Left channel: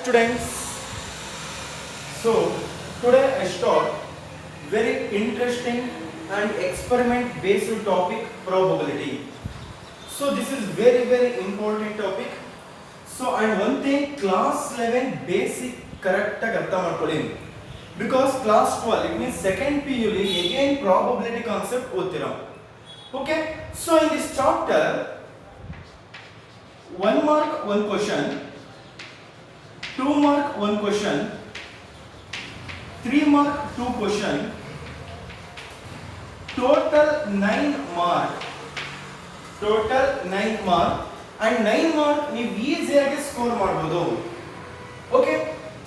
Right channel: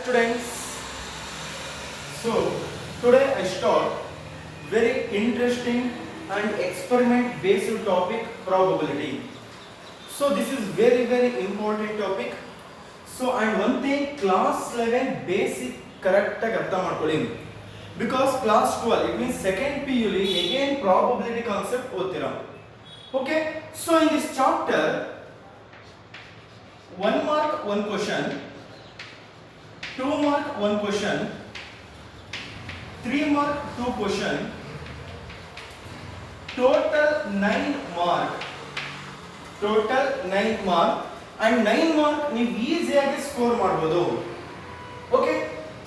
Students, so today I start very interesting and experiment based topic probability. So this is very important topic. So and one thing class 11 basic correct ಆಗಿ ಅರ್ಥ ಮಾಡ್ಕೊಳ್ಳಿ because class 12 it means second PU li again probability concept ಓದ್ತೀರಾ. Okay, so in this chapter 1 mark 1 question, 2 mark 1 question, 3 mark 2 question, total 9 mark, total 9 mark and 9 mark ನೀವು ಈಸಿಯಾಗಿ score ಮಾಡಬಹುದು. Okay,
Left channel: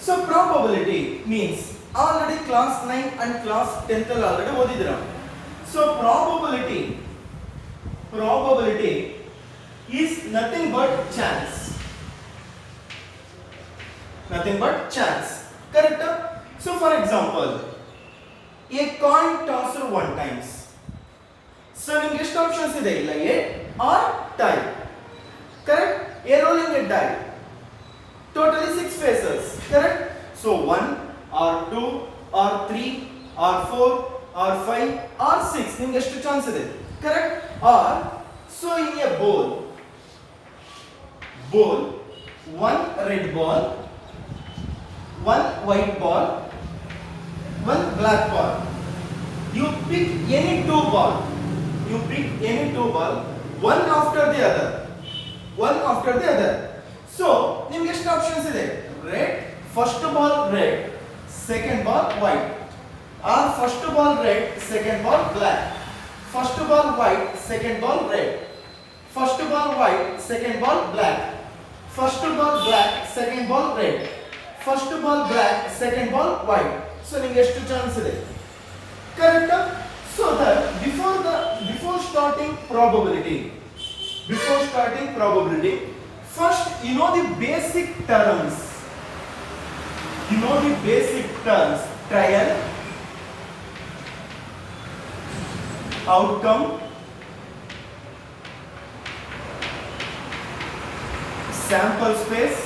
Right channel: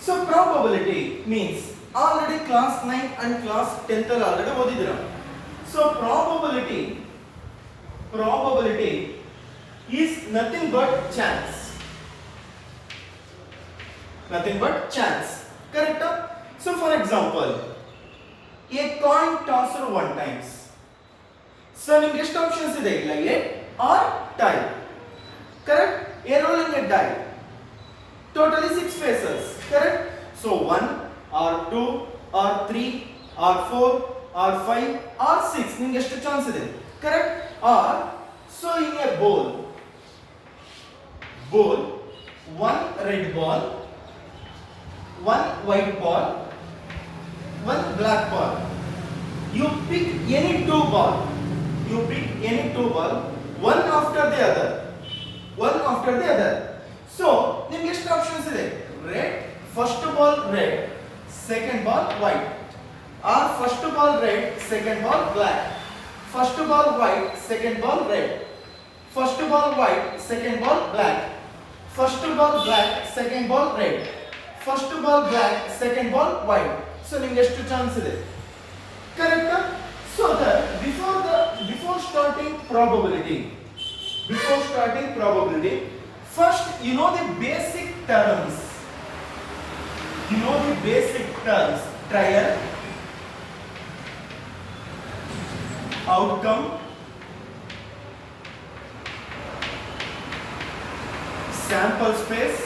so probability means already class 9 and class 10th ಅಲ್ಲಿ already ಓದಿದ್ದೀರಾ. So probability is nothing but chance. Nothing but chance. Correct? So for example, a coin tossed 1 times. So ನಿಮಗೆ ಎಷ್ಟು options ಇದೆ ಇಲ್ಲ a or tie. Correct? A rolling a die. Totally 6 faces. Correct? So 1 or 2 or 3 or 4 or 5 or 6 ನಿಮಗೆ ಎಷ್ಟು chance ಇದೆ? Correct? Or so in a bowl, one red ball, one white ball, one black ball. You pick any two ball. One after the other. So ನಿಮಗೆ ಎಷ್ಟು options ಇದೆ? Red, first ball red, second ball white. Or first ball red, second ball black. First ball white, second ball red. First ball white, second ball black. First ball black, second ball red. First ball black, second ball white. So ನಿಮಗೆ ಎಷ್ಟು chance ಇದೆ? Correct? So that before starting probability, first you know the basic terms. Trial, outcome, sample space,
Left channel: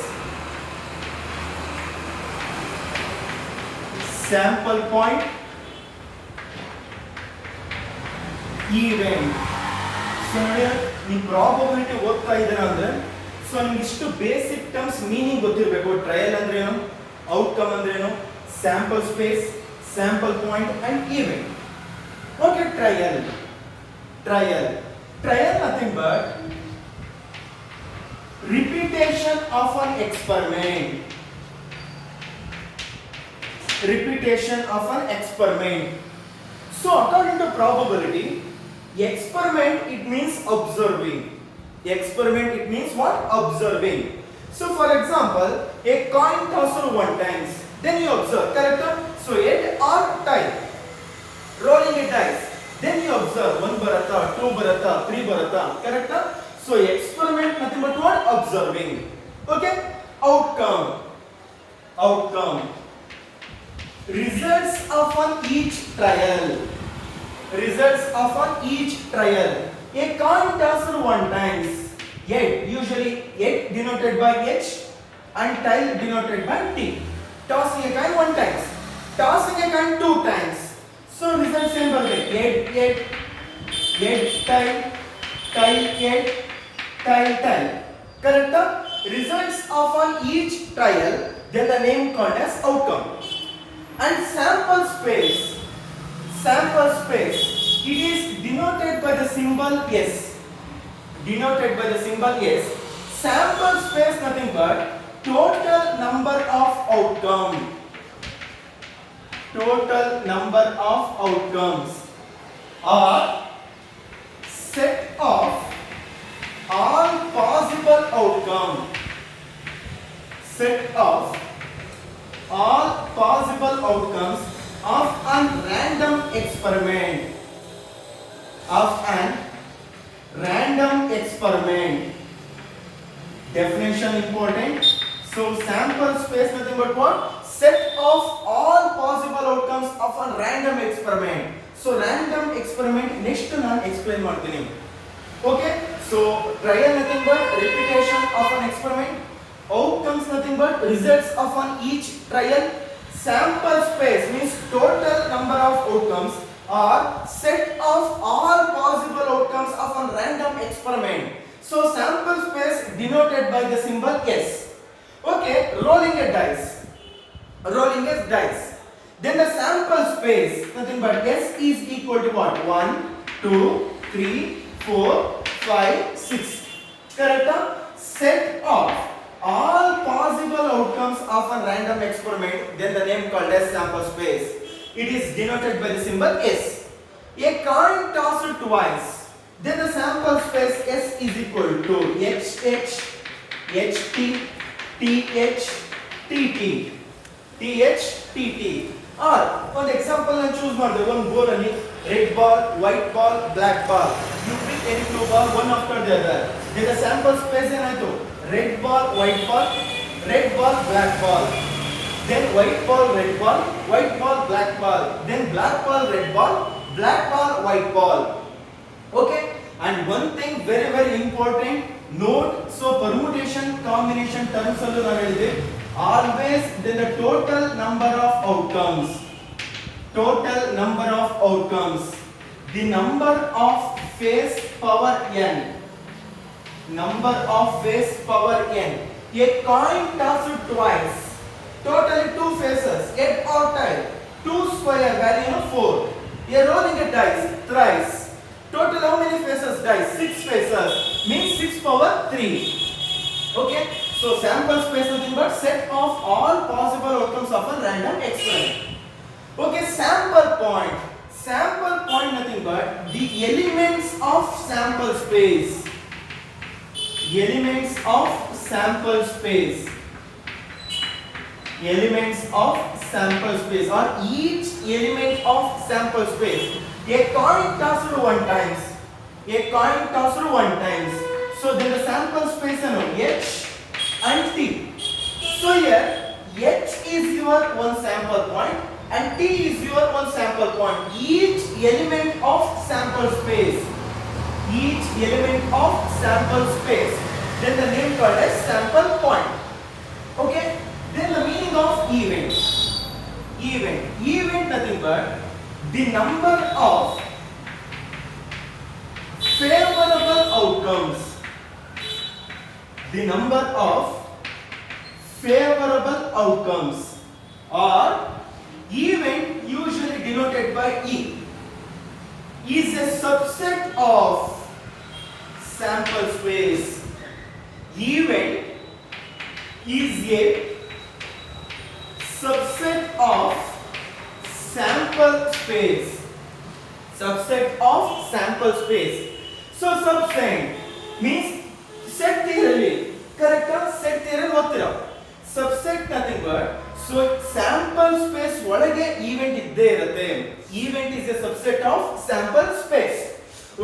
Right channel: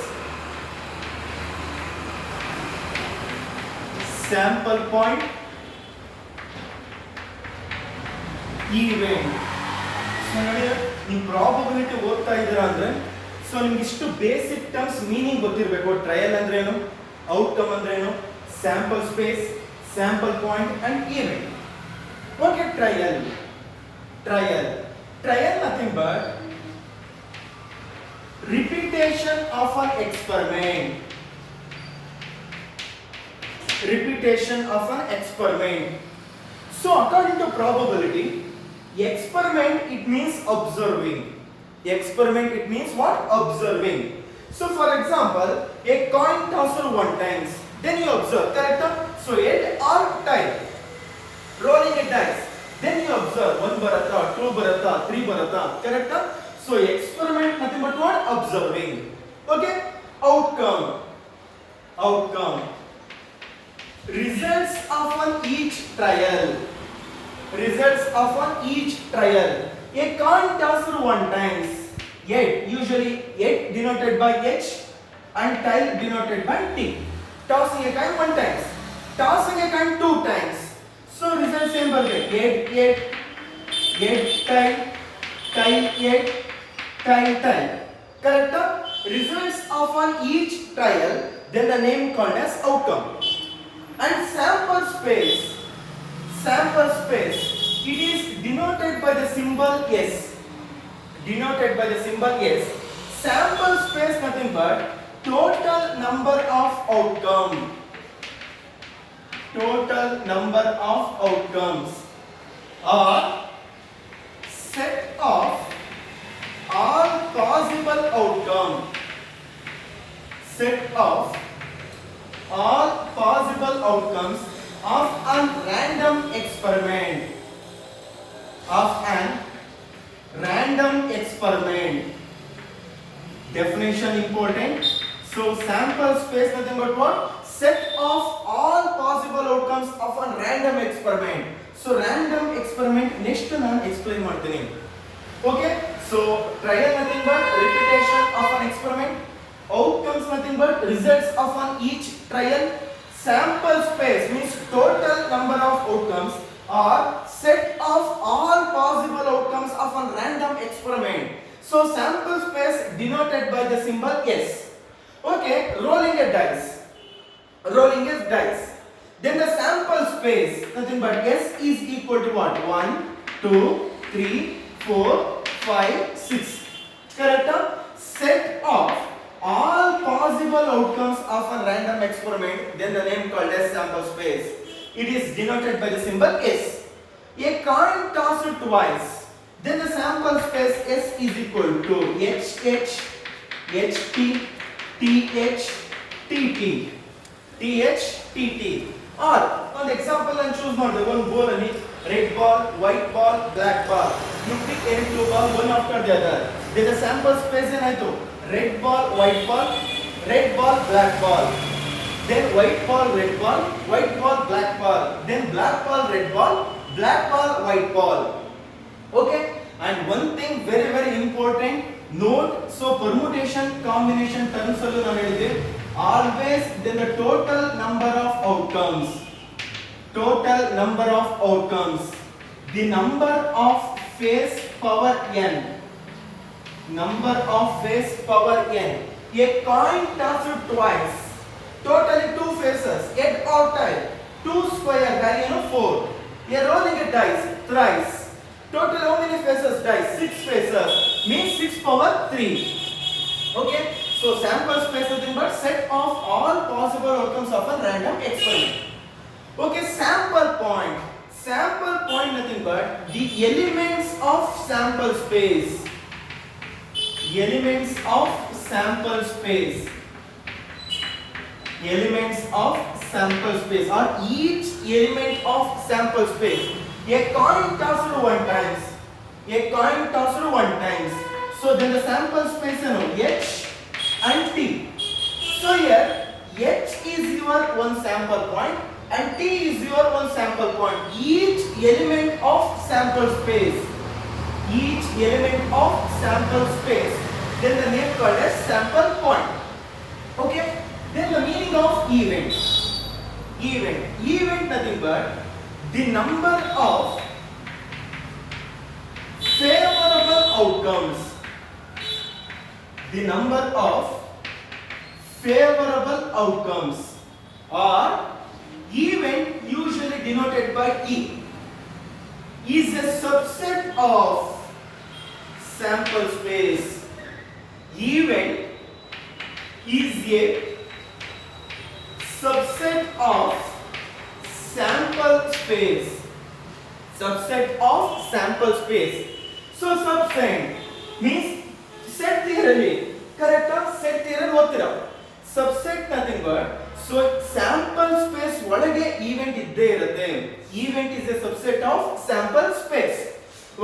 sample point, event. So ನೋಡಿ ನೀವು probability ಓದ್ತಾ ಇದ್ದೀರಾ ಅಂದ್ರೆ so ನಿಮ್ಗೆ ಇಷ್ಟು ಬೇಸಿಕ್ ಟರ್ಮ್ಸ್ ಮೀನಿಂಗ್ ಗೊತ್ತಿರಬೇಕು. ಟ್ರಯಲ್ ಅಂದ್ರೆ ಏನು, ಔಟ್ಕಮ್ ಅಂದ್ರೆ ಏನು, sample space, sample point and event. Okay, trial nothing but repetition of an experiment. So according to probability, experiment it means observing. Observing. So for example, a coin tossed 1 times, then you observe. Correct? So 8 or tie, rolling a dice, then you observe 1 barata, 2 barata, 3 barata. Correct? So experiment nothing but what? Observing. Okay? Outcome. Results of each trial. A coin tossed 1 times. 8, usually 8 denoted by H and tie denoted by T. Tossing a coin 1 times. Tossing a coin 2 times. So result same burde. 8 tie 8 tie. Correct? Results of each trial, then the name called as outcome. And sample space, it is denoted by the symbol S. Sample space nothing but total number of outcomes or set of all possible outcomes of a random experiment. Definition important. So sample space nothing but what? Set of all possible outcomes of a random experiment. So random experiment next ನಾನು explain ಮಾಡ್ತೀನಿ. Okay, so trial nothing but repetition of an experiment, outcomes nothing but results of an each trial. Sample space means total number of outcomes or set of all possible outcomes of a random experiment. So sample space denoted by the symbol S. Okay, rolling a dice. Rolling a dice. Then the sample space nothing but S is equal to what? 1, 2, 3, 4, 5, 6. Correct? Set of all possible outcomes of a random experiment, then the name called as sample space. It is denoted by the symbol S. A coin tossed twice, then the sample space S is equal to HH, HT, TH, TT, TH, TT. Or one example and choose one. The one ball and red ball, white ball, black ball. You pick any two ball one after the other. Then the sample space is red ball, white ball, red ball, black ball. Then white ball, red ball, white ball, black ball. Then black ball, red ball, black ball, white ball. Okay. And one thing very important. Note. So permutation, combination terms always then the total number of outcomes. Total number of outcomes. The number of face power n. Number of face power n. A coin tossed twice. Totally 2 faces. Head or tail. 2 square value 4. A rolling a dice thrice. Total how many faces dice? 6 faces. Means 6 power 3. Okay. So sample space nothing but set of all possible outcomes of a random experiment. Okay, sample point. Sample point nothing but the elements of sample space. Elements of sample space. Elements of sample space or each element of sample space. A coin tossed 1 times. A coin tossed 1 times. So then the sample space H and T. So here H is your one sample point and T is your one sample point. Each element of sample space. Each element of sample space. Then the name called as sample point. Okay. Then the meaning of event. Event nothing but the number of favorable outcomes. The number of favorable outcomes or event usually denoted by E is a subset of sample space. Event is a subset of sample space. Subset of sample space. So subset means set theory. Correct? Set theory ottira. Subset nothing but so sample space ಒಳಗೆ event ಇದ್ದೇ ಇರುತ್ತೆ. Event is a subset of sample space.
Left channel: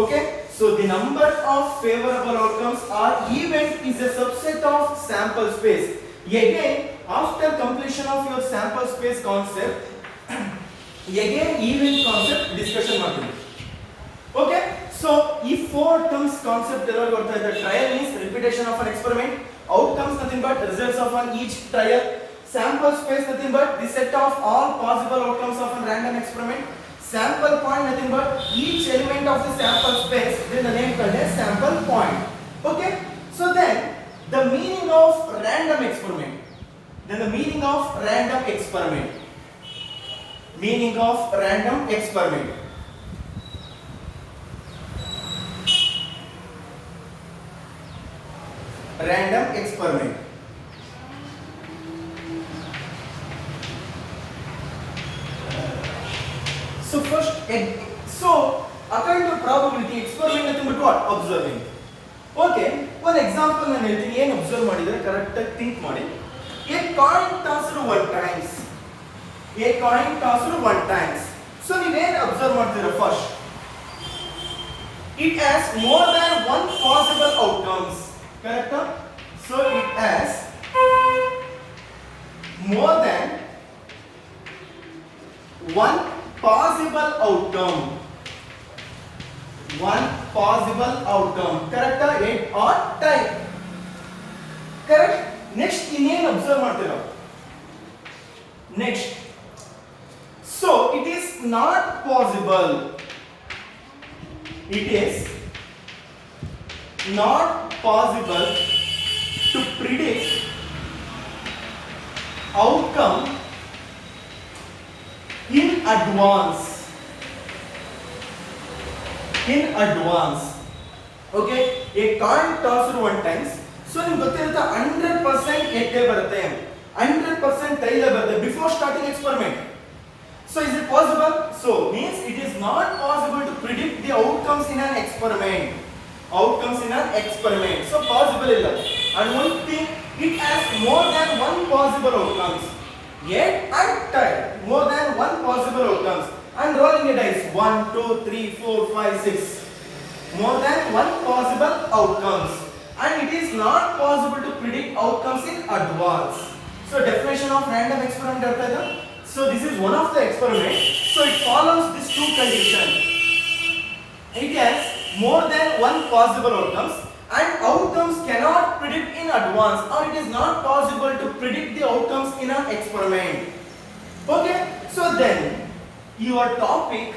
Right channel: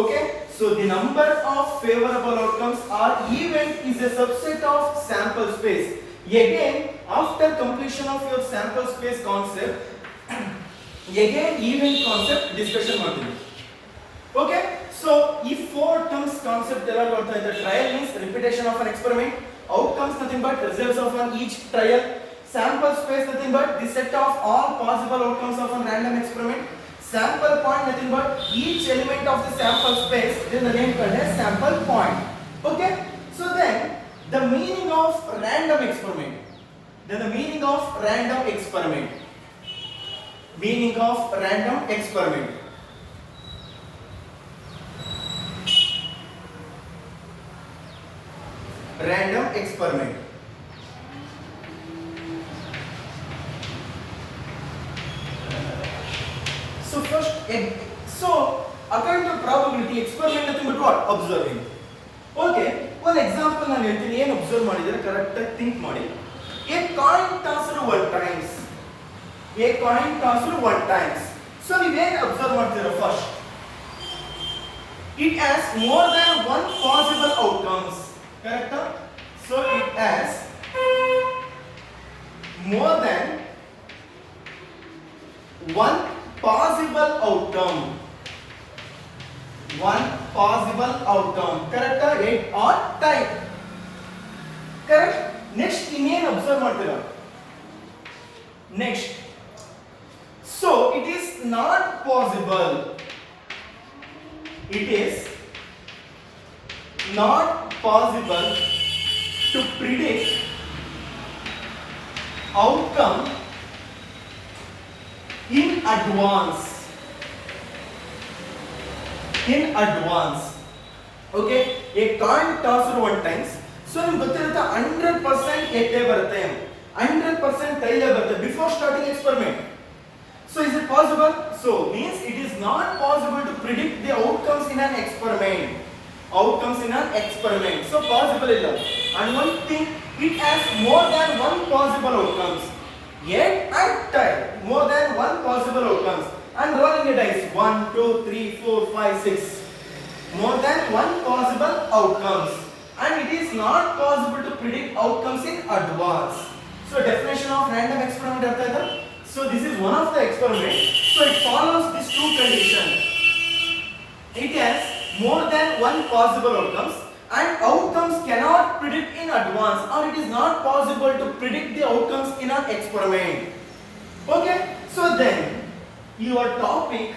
Okay? So the number of favorable outcomes or event is a subset of sample space. Again, after completion of your sample space concept, again event concept discussion ಮಾಡ್ತೀವಿ. Okay? So, if 4 terms concept the trial means repetition of an experiment, outcomes nothing but results of an each trial, sample space nothing but the set of all possible outcomes of a random experiment, sample point nothing but each element of the sample space, then the name called as sample point. Okay? So then the meaning of random experiment. Then the meaning of random experiment. Meaning of random experiment. Random experiment. So first, according to probability, experiment nothing but what? Observing. Okay, one example ನಾನು ಹೇಳ್ತೀನಿ ಏನು observe ಮಾಡಿದ್ರೆ correct ಆಗಿ think ಮಾಡಿ. A coin tossed 1 times. A coin tossed 1 times. So ನೀವೇನು observe ಮಾಡ್ತೀರಾ first? It has more than one possible outcomes. Correct? So it has more than one possible outcome. One possible outcome. Correct? 8 or 10. Correct? Next ಇನ್ನೇನು observe ಮಾಡ್ತೀರಾ next so it is not possible it is not possible to predict outcome in advance okay a coin tossed one times so ನಿಮಗೆ ಗೊತ್ತಿರುತ್ತೆ 100% guest ಬರುತ್ತೆ 100% ಟೈಲೇ ಬರುತ್ತೆ before starting experiment. So is it possible? So means it is not possible to predict the outcomes in an experiment. So possible illa. And one thing, it has more than one possible outcomes. Yet at time, more than one possible outcomes. And rolling a dice 1, 2, 3, 4, 5, 6. More than one possible outcomes. And it is not possible to predict outcomes in advance. So definition of random experiment artha aida. So this is one of the experiments. So it follows these two conditions. It has more than one possible outcomes and outcomes cannot predict in advance or it is not possible to predict the outcomes in an experiment. Okay. So then your topic,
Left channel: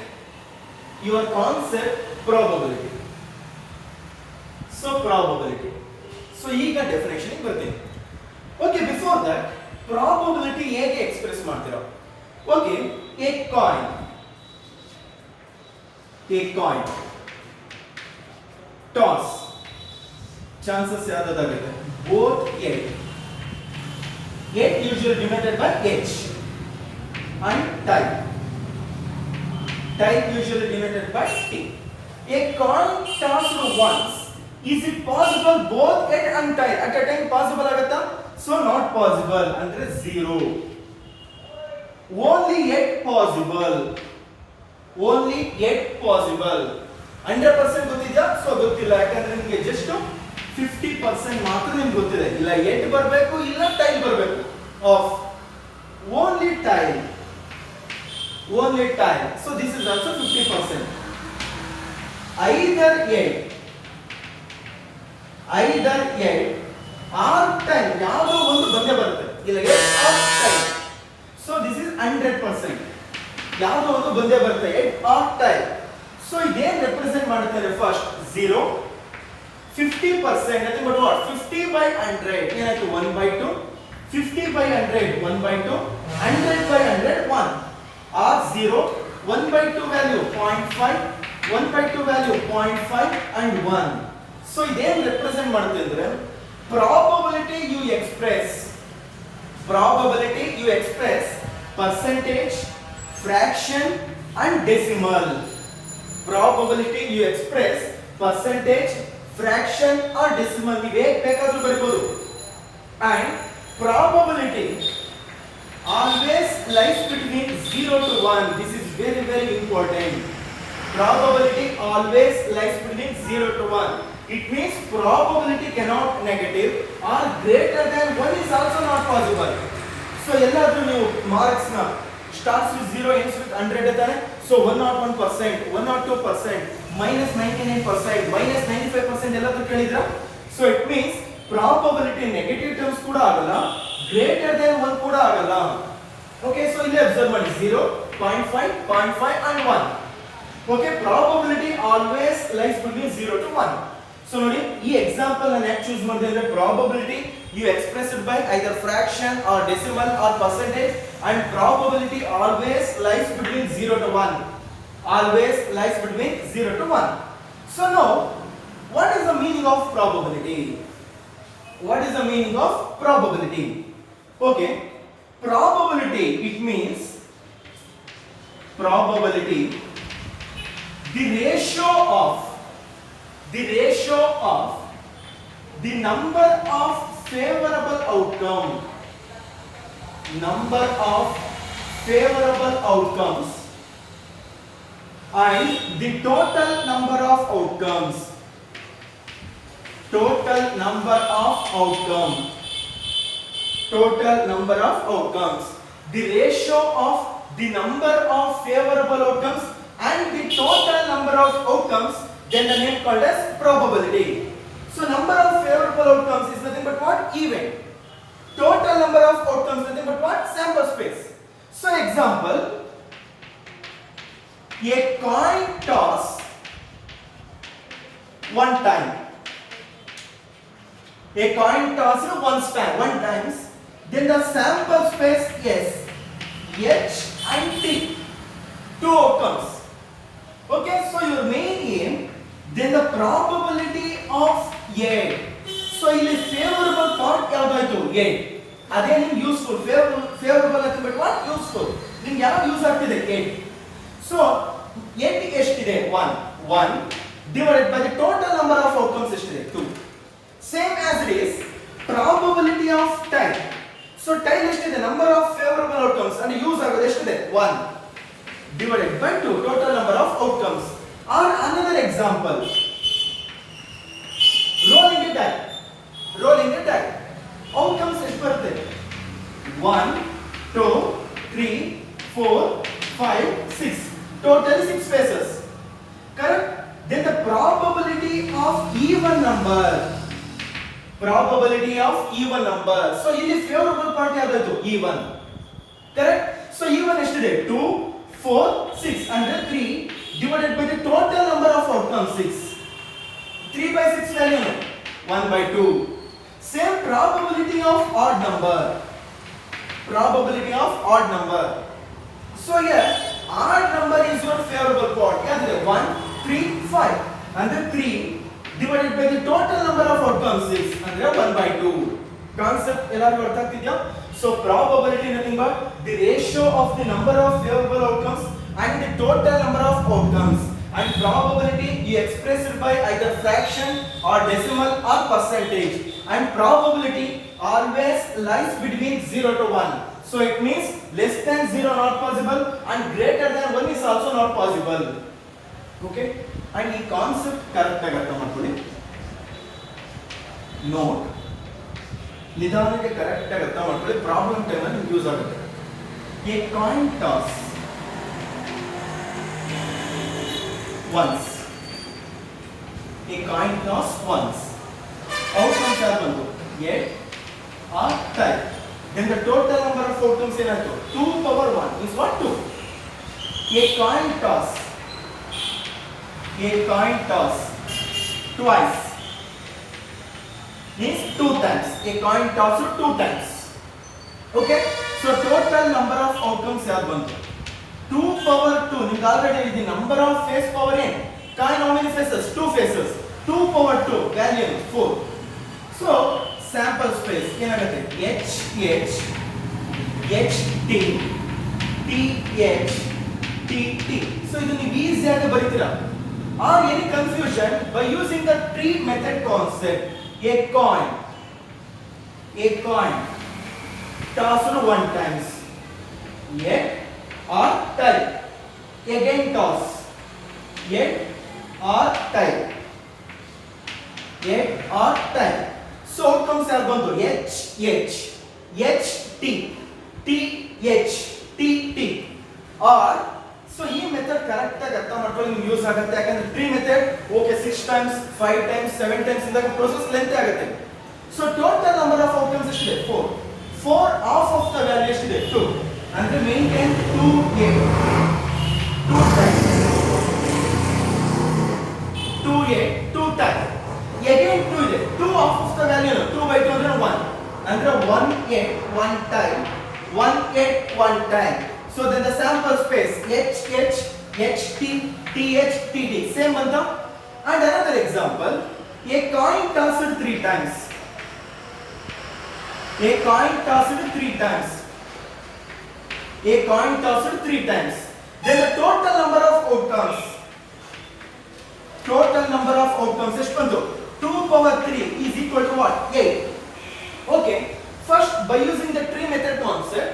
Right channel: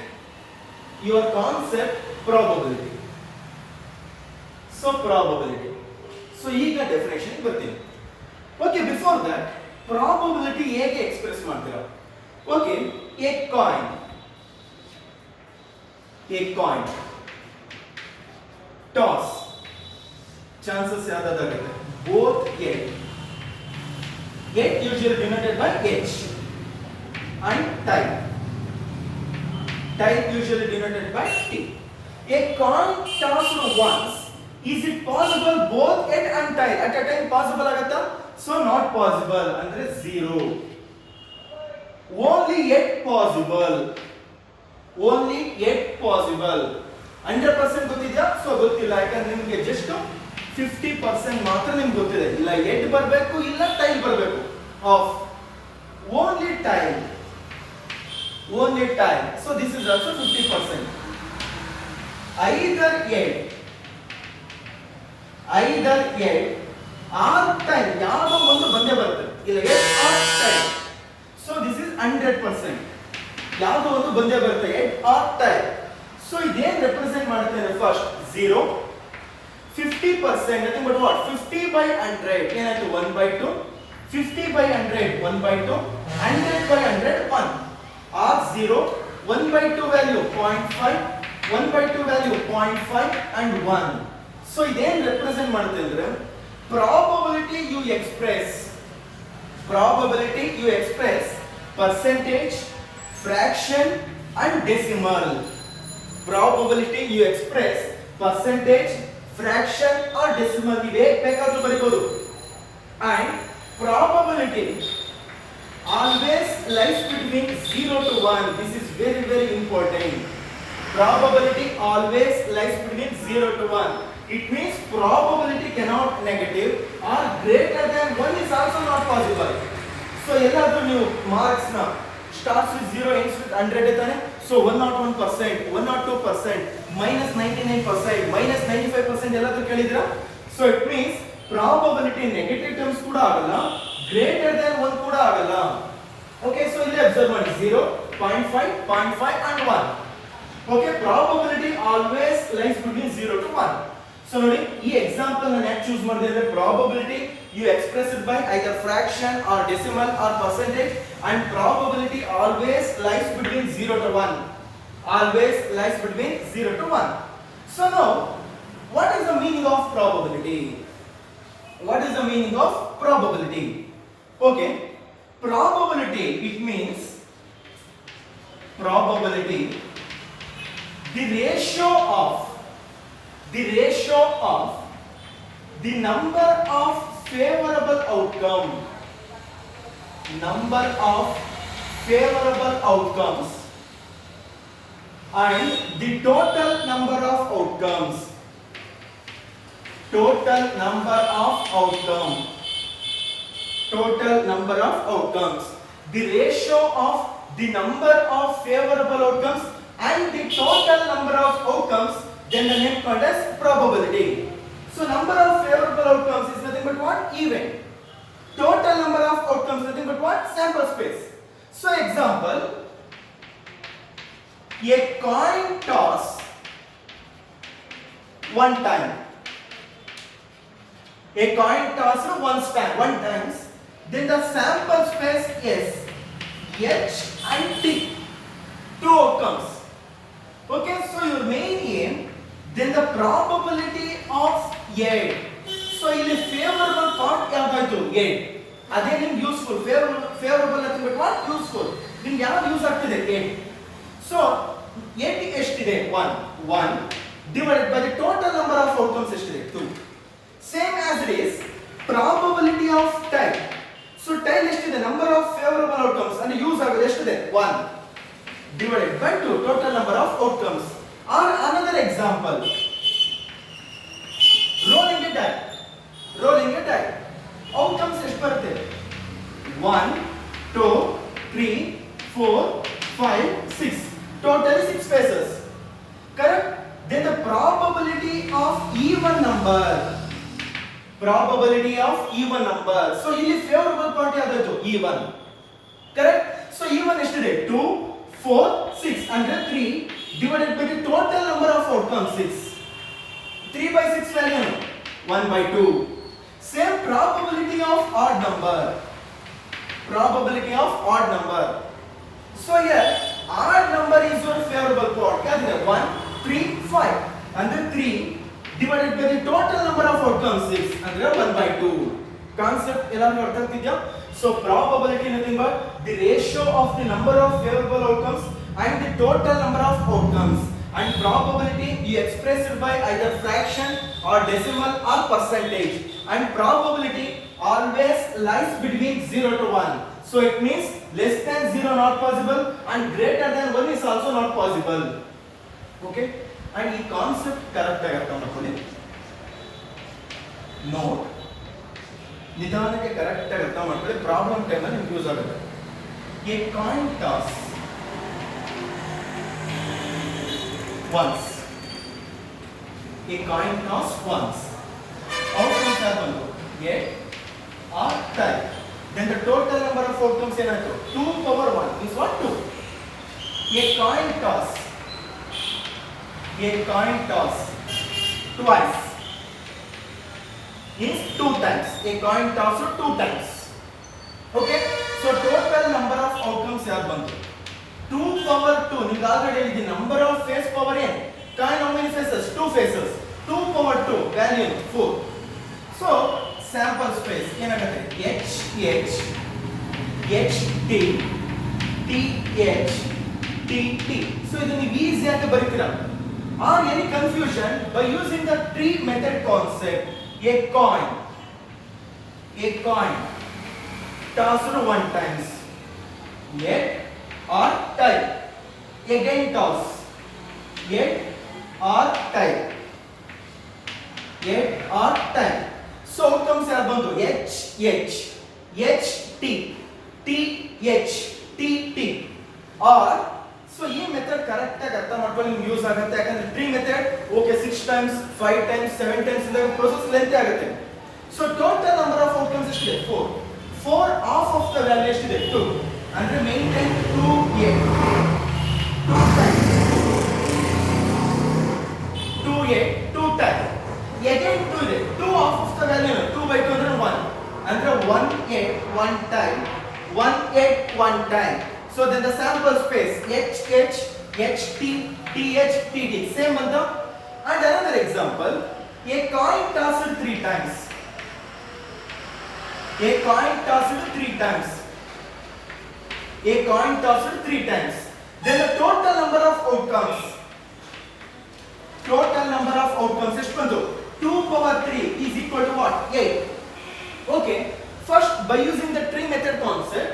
your concept probability. So probability. So ಈಗ definition ಗೆ ಬರ್ತೀನಿ. Okay, before that probability ಹೇಗೆ express ಮಾಡ್ತೀರಾ? Okay, a coin toss chances ಯಾವ್ದಾಗುತ್ತೆ both eight usually denoted by h and type usually denoted by t. A coin tossed once, is it possible both eight and type at a time possible ಆಗುತ್ತಾ? So not possible ಅಂದ್ರೆ 0. Only yet possible 100% ಗೊತ್ತಿದ್ಯಾ? So ಗೊತ್ತಿಲ್ಲ, ಯಾಕಂದ್ರೆ ನಿಮಗೆ just 50% ಮಾತ್ರ ನಿಮ್ಗೆ ಗೊತ್ತಿದೆ. ಇಲ್ಲ ಎಟ್ ಬರಬೇಕು ಇಲ್ಲ ಟೈಲ್ ಬರಬೇಕು. Of only tail. So this is also 50%. either yet or tail ಯಾವುದೋ ಒಂದು ಬಂದೇ ಬರುತ್ತೆ. ಇಲ್ಲ head or tail. So this is 100%. ಯಾವುದೋ ಒಂದು ಬಂದೇ ಬರುತ್ತೆ ಎಟ್ ಆರ್ ಟೈಮ್. ಸೊ ಇದೇನ್ ರೆಪ್ರೆಸೆಂಟ್ ಮಾಡುತ್ತೆ? First 0, 50%, nothing but what? 50/100 ಏನಾಯ್ತು? 1/2. 50/100 1/2. 100/100 1. or 0, 1/2 value 0.5, 1/2 value 0.5 and 1. So ಇದೇನ್ ರೆಪ್ರೆಸೆಂಟ್ ಮಾಡುತ್ತೆ ಅಂದ್ರೆ probability you express percentage, fraction and decimal. Probability you express percentage, fraction or decimal ನೀವು ಹೇಗೆ ಬೇಕಾದರೂ ಬರೀಬಹುದು. And probability always lies between 0 to 1. This is very very important. Probability always lies between 0 to 1. It means probability cannot negative or greater than 1 is also not possible. So ಎಲ್ಲಾದರೂ ನೀವು marks ನ starts with 0 ends with 100 ಇದ್ದಾನೆ. So 101%, 102%, -99%, -95% ಎಲ್ಲಾದರೂ ಕೇಳಿದ್ರಾ? So it means probability negative terms ಕೂಡ ಆಗಲ್ಲ, greater than 1 ಕೂಡ ಆಗಲ್ಲ. Okay, so ಇಲ್ಲಿ ಅಬ್ಸರ್ವ್ ಮಾಡಿ 0, 0.5, 0.5 and 1. Okay, probability always lies between 0 to 1. So ನೋಡಿ ಈ ಎಕ್ಸಾಂಪಲ್ ನಾನು ಯಾಕೆ ಚೂಸ್ ಮಾಡಿದೆ ಅಂದ್ರೆ probability you express it by either fraction or decimal or percentage, and probability always lies between 0 to 1. Always lies between 0 to 1. So now what is the meaning of probability? What is the meaning of probability? Okay, probability, it means probability the ratio of the number of favorable outcomes and the total number of outcomes. Total number of outcomes. The ratio of the number of favorable outcomes and the total number of outcomes, then the name called as probability. So number of favorable outcomes is nothing but what? Even. Total number of outcomes, nothing but what? Sample space. So example, a coin toss one time. A coin toss one times. Then the sample space is H and T. Two outcomes. Okay, so your main aim, then the probability of A. So ಇಲ್ಲಿ favorable part ಯಾವ್ದಾಯ್ತು? A. ಅದೇ ನಿಮ್ಗೆ useful. favorable ಅಂತ ಬಿಟ್ಟು what? Useful. ನಿಮ್ಗೆ ಯಾವಾಗ use ಆಗ್ತಿದೆ? A. So n ಎಷ್ಟಿದೆ? 1 divided by the total number of outcomes ಎಷ್ಟಿದೆ? 2. Same as it is probability of tie. So tie ಎಷ್ಟಿದೆ? Number of favorable outcomes and use ಆಗೋದು ಎಷ್ಟಿದೆ? 1 divided by 2 total number of outcomes. Or another example, rolling a die. Outcomes ಎಷ್ಟು ಬರುತ್ತೆ? 1 2 3 4 5 6 total 6 faces. Correct? Then the probability of even number. So ಇಲ್ಲಿ favorable part ಯಾವುದು? even. Correct? So even ಎಷ್ಟಿದೆ? 2 4 6 under 3 divided by the total number of outcomes 6. 3 by 6 value 1 by 2. Same probability of odd number. So here odd number is your favorable part. Yeah, 1 3 5 under 3 divided by the total number of outcomes 6 under 1 by 2. Concept ಎಲ್ಲರಿಗೂ ಅರ್ಥ ಆಗ್ತಿದ್ಯಾ? So probability nothing but the ratio of the number of favorable outcomes and the total number of outcomes. And probability you express it by either fraction or decimal or percentage. And probability always lies between 0 to 1. So it means less than 0 not possible and greater than 1 is also not possible. Okay? And the concept correct ಆಗಿ ಅರ್ಥ ಮಾಡ್ಕೊಳ್ಳಿ. Note ನಿಧಾನಕ್ಕೆ correct ಆಗಿ ಅರ್ಥ ಮಾಡ್ಕೊಳ್ಳಿ. Problem time ಅಲ್ಲಿ use ಆಗುತ್ತೆ. A coin toss once. Outcomes are ಬಂತು A or tie. Then the total number of outcomes ಏನಾಯ್ತು? 2 power 1 is what? 2. A coin toss twice means 2 times. A coin toss 2 times. Okay? So total number of outcomes ಯಾರು ಬಂತು? 2 power 2. ನಿಮಗೆ already ಹೇಳಿದ್ದೀನಿ number of face power n. Coin how many faces? 2 faces. 2 power 2 value 4. So sample space ಏನಾಗುತ್ತೆ? H T T. So ಇದು ನೀವು easy ಆಗಿ ಬರೀತೀರಾ. Or any confusion by using the tree method concept. A coin tossed 1 times. Yet or tie. Again toss. Yet or tie. So outcomes are ಬಂದು H T or so ಈ method correct ಆಗಿ ಅರ್ಥ ಮಾಡ್ಕೊಳ್ಳಿ. ನಿಮ್ಗೆ use ಆಗುತ್ತೆ. ಯಾಕಂದ್ರೆ tree method okay 6 times 5 times 7 times ಇಂದಾಗ process length ಆಗುತ್ತೆ. So total number of outcomes ಎಷ್ಟಿದೆ? 4 half of the value ಎಷ್ಟಿದೆ? 2 ಅಂದ್ರೆ ಮೇಂಟೈನ್ 2A 2 times again 2 ಇದೆ. 2 half of the value 2 by 2 ಅಂದ್ರೆ 1 ಅಂದ್ರೆ 1A 1 time. So then the sample space H T same ಅಂತ. And another example, a coin tossed 3 times. Then the total number of outcomes ಎಷ್ಟು ಬಂತು? 2 power 3 is equal to what? 8. Okay, first by using the tree method concept,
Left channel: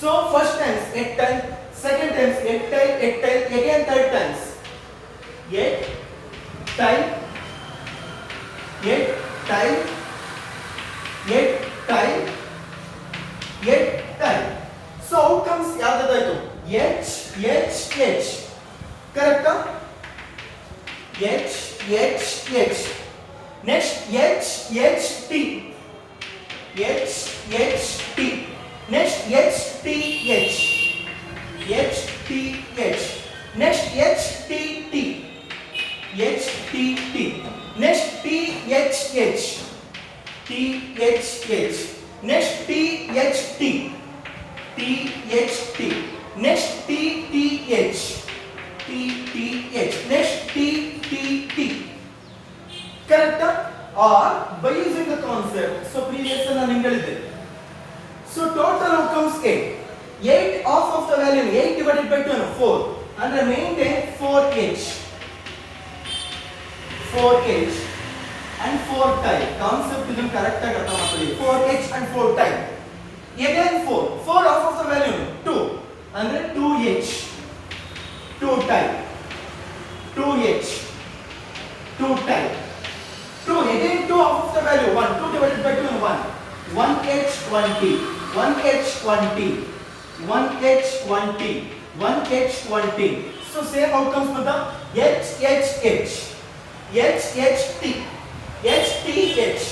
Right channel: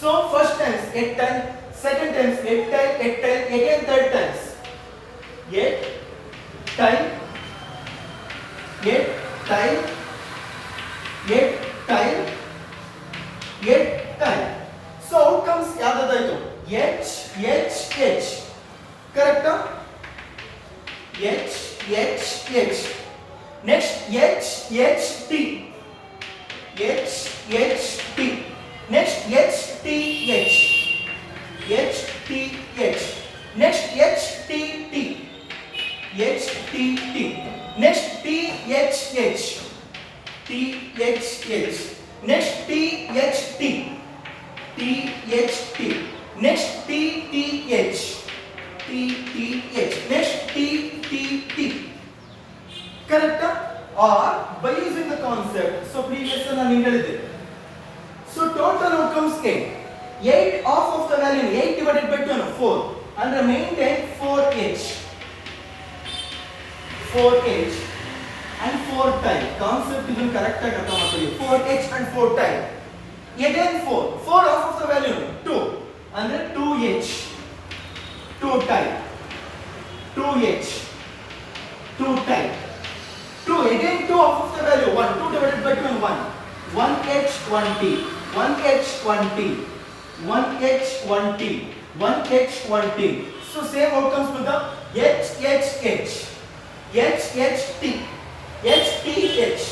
so first times 8 times, second times 8 times, again third times 8 times. So outcomes ಯಾವ್ದಾಯ್ತು? H correct? H next H T HT. Next HTH. HTH. Next HTT. HTT. Next THH. THH. Next THT. THT. Next TTH. TTH. Next TTT. Correct? Or by using the concept. So previous one I so total outcomes 8. 8 off of the value 8 divided by 2 4 and remain 4h. 4h and 4 type. Concept is correct. 4h and 4 type. Again 4. 4 off of the value 2 and 2h. 2 type. 2h. 2 type. 2 again 2 off of the value 1. 2 divided by 2 and 1. 1h 1t. 1h 1t. 1h 1t. 1h 1t. So same outcomes with the HHH. HHT. HTH.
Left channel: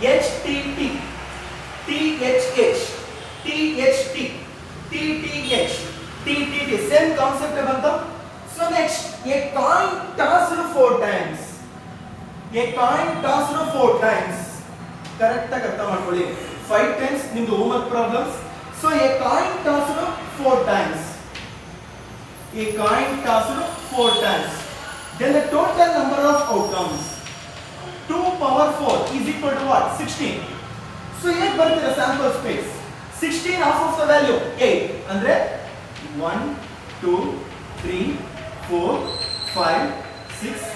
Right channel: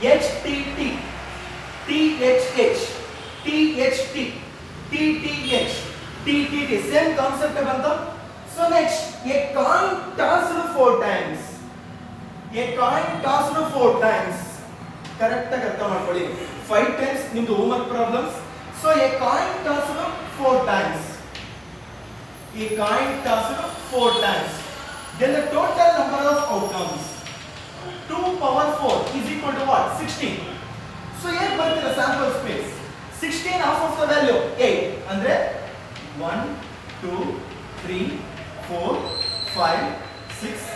HTT. THH. THT. TTH. TTT. Same concept about. So next, a coin tossed 4 times. A coin tossed 4 times. Correct? 5 times in the homework problems. So a coin tossed 4 times. A coin tossed 4 times. Then the total number of outcomes. 2 power 4 is equal to what? 16. So here comes the sample space. 16 half of the value 8. And then 1, 2, 3, 4, 5, 6,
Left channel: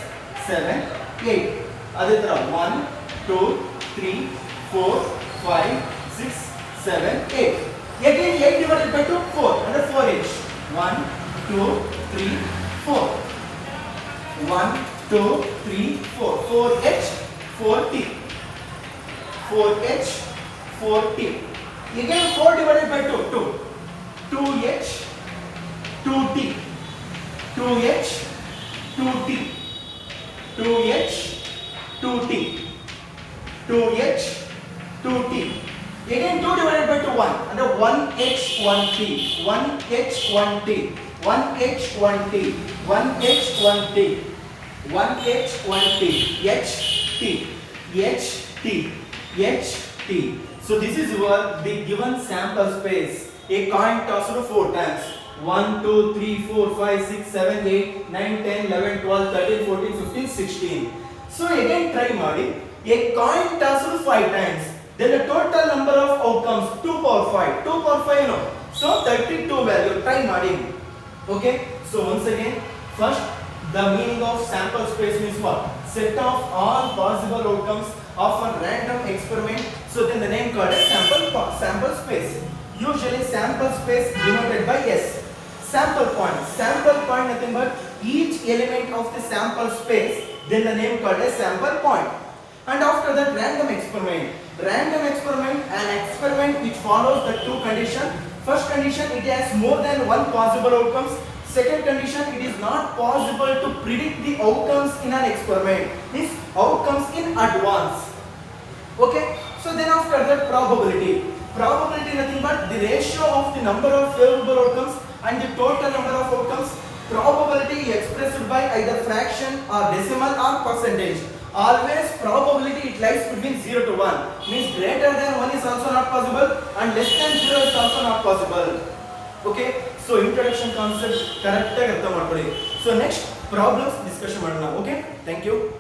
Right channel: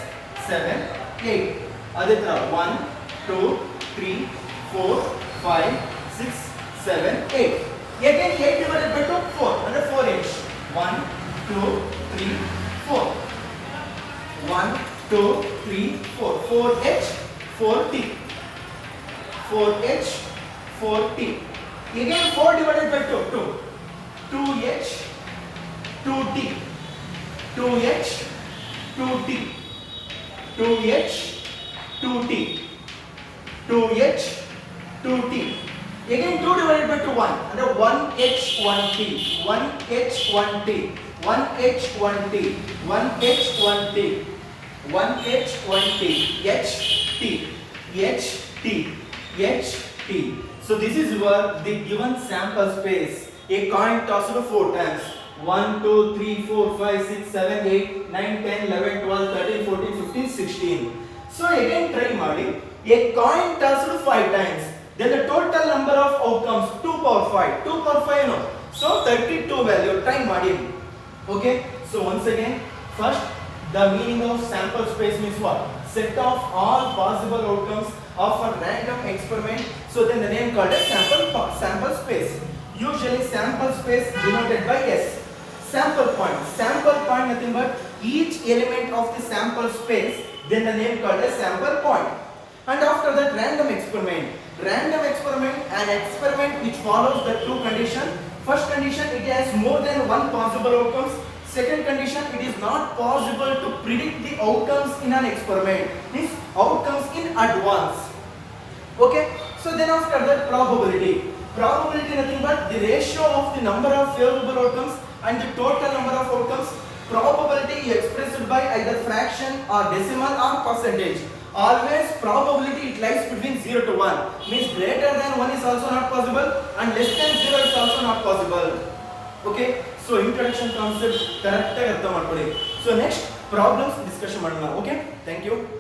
7, 8. Aditra 1, 2, 3, 4, 5, 6, 7, 8. Again 8 divided by 2, 4. Under 4h. 1, 2, 3, 4. 1, 2, 3, 4. 4h, 4t. 4h, 4t. Again 4 divided by 2, 2. 2h, 2t. 2h, 2t. 2h, 2t. 2h, 2t. Again 2 divided by 2, 1. Under 1h, 1t. 1h, 1t. 1h, 1t. 1h, 1t. 1h, 1t. h, t. h, t. h, t. So this is your the given sample space. A coin tossed 4 times. 1, 2, 3, 4, 5, 6, 7, 8, 9, 10, 11, 12, 13, 14, 15, 16. So again try ಮಾಡಿ. A coin tossed 5 times. Then the total number of outcomes 2 power 5. 2 power 5 you know. So 32 value try ಮಾಡಿ. Okay. So once again, first the meaning of sample space means what? Set of all possible outcomes of a random experiment. So then the name called as sample space. Usually sample space denoted by S. Sample point. Sample point nothing but each element of the sample space. Then the name called as sample point. And after that random experiment. Random experiment, an experiment which follows the two conditions. First condition, it has more than one possible outcomes. Second condition, it is not possible to predict the outcomes in an experiment. Means outcomes in advance. Okay. So then after that probability. Probability nothing but the ratio of the number of favorable outcomes and the total number of outcomes. Probability expressed by either fraction or decimal or percentage. Always probability it lies between 0 to 1. Means greater than 1 is also not possible and less than 0 is also not possible. Okay. So introduction concept correct. So next problems discussion. Okay. Thank you.